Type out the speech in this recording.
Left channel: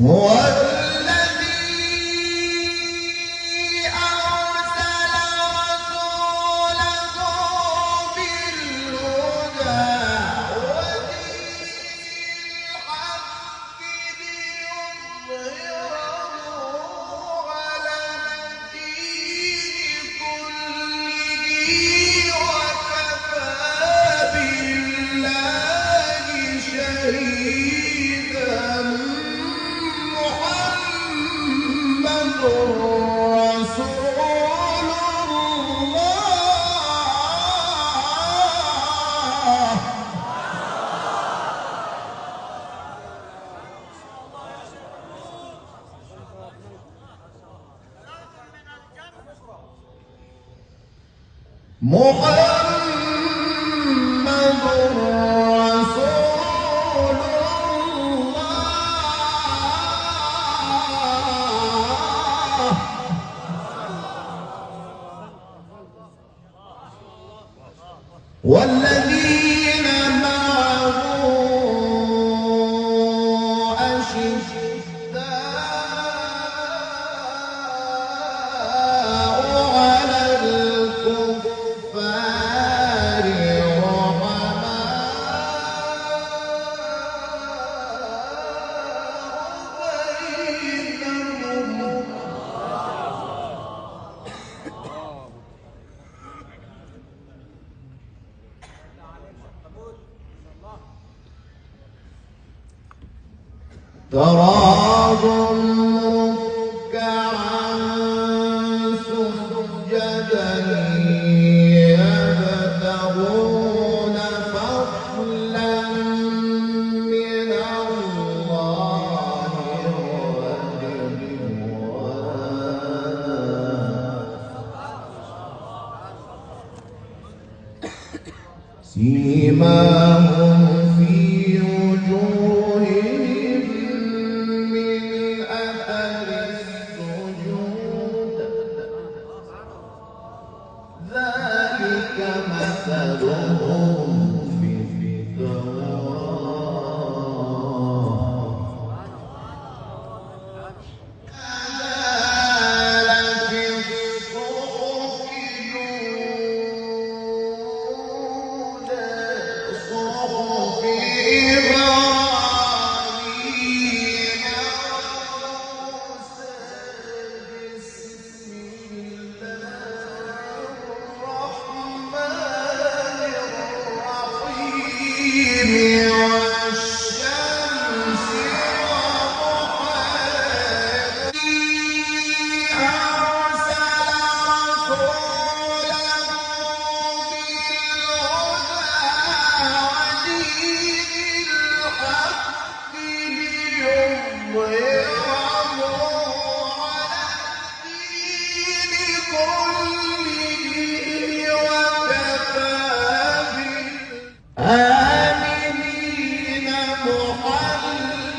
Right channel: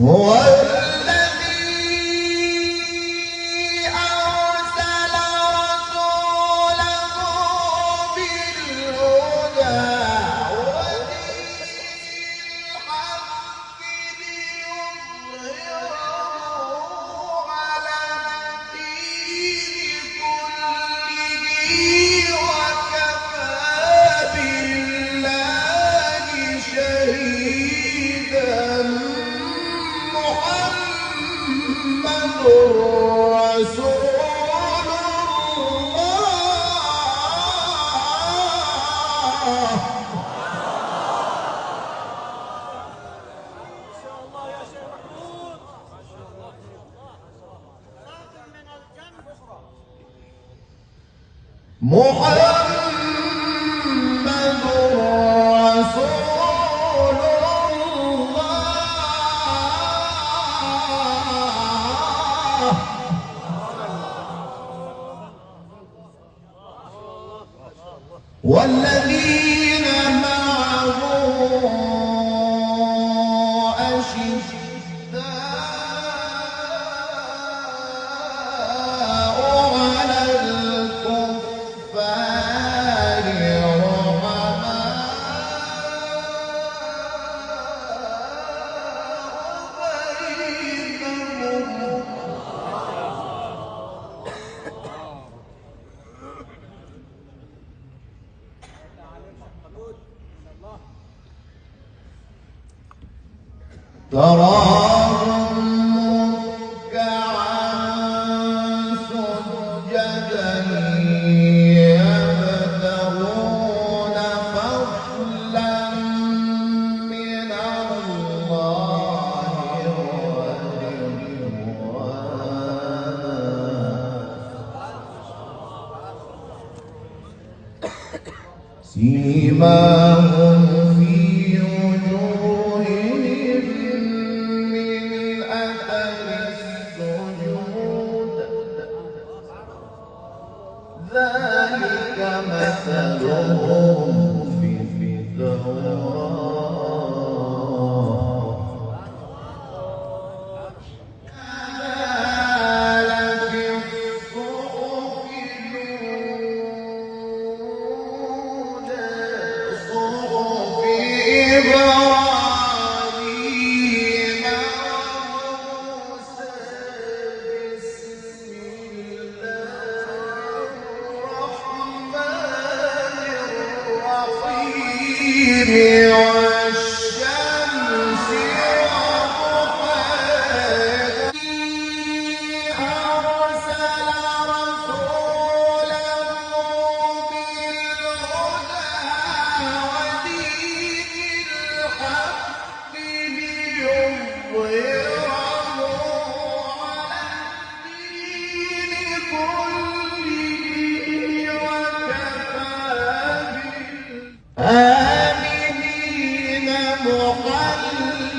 هو الذي أرسل رسوله بالهدى ودين الحق ليظهره على الدين كله وكفى بالله شهيدا. محمد رسول الله. محمد رسول الله. والذين معه أشداء على الكفار رحماء بينهم. تراهم ركعا سجدا يبتغون فضلا من الله ورضوانا. سيماهم في وجوههم من أثر السجود ذلك مثلهم في التوراة كمثل في الصحف الأولى صحف إبراهيم وموسى. بسم الله الرحمن الرحيم. والشمس وضحاها. أرسل رسوله بالهدى ودين الحق ليظهره على الدين كله وكفى بالله آمنين محل